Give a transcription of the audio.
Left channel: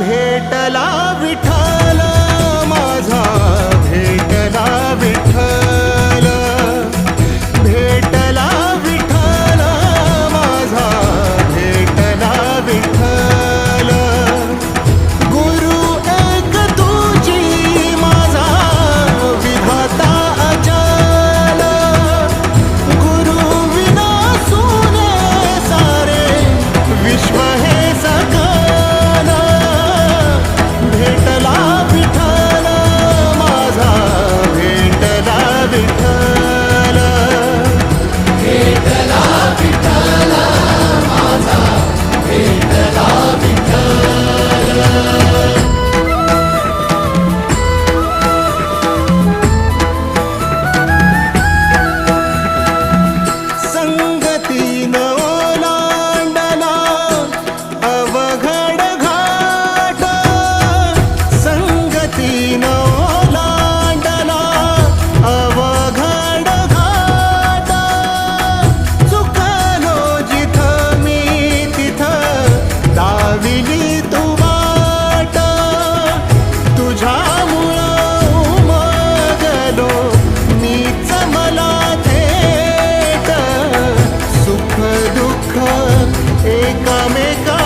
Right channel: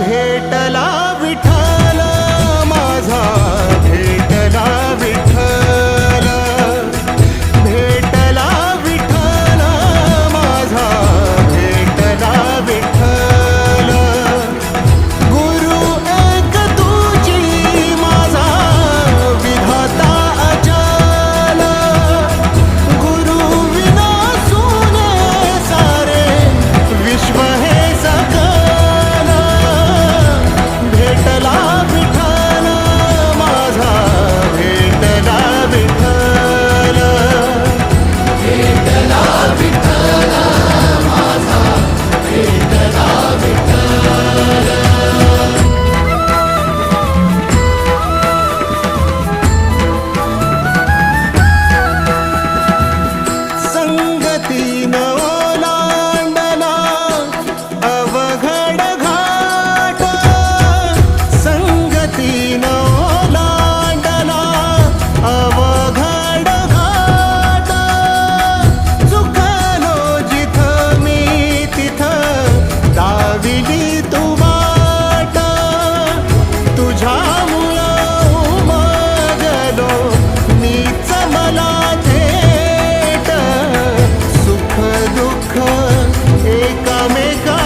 भेटला विठ्ठल माझा, भेटला विठ्ठल, भेटला विठ्ठल माझा, भेटला विठ्ठल. गुरु एक तुझी माझा विधाता अचल, गुरु विना सुने सारे विश्व हे सकल. भेटला विठ्ठल माझा, भेटला विठ्ठल, भेटला विठ्ठल माझा, भेटला विठ्ठल. संगतीन ओलांडला अवघड घाट, संगतीन ओलांडला अवघड घाट. चुकलो जिथं मी तिथं दाविली तू वाट, तुझ्यामुळं उमगलो मीच मला थेट. सुख दुःख एकामेका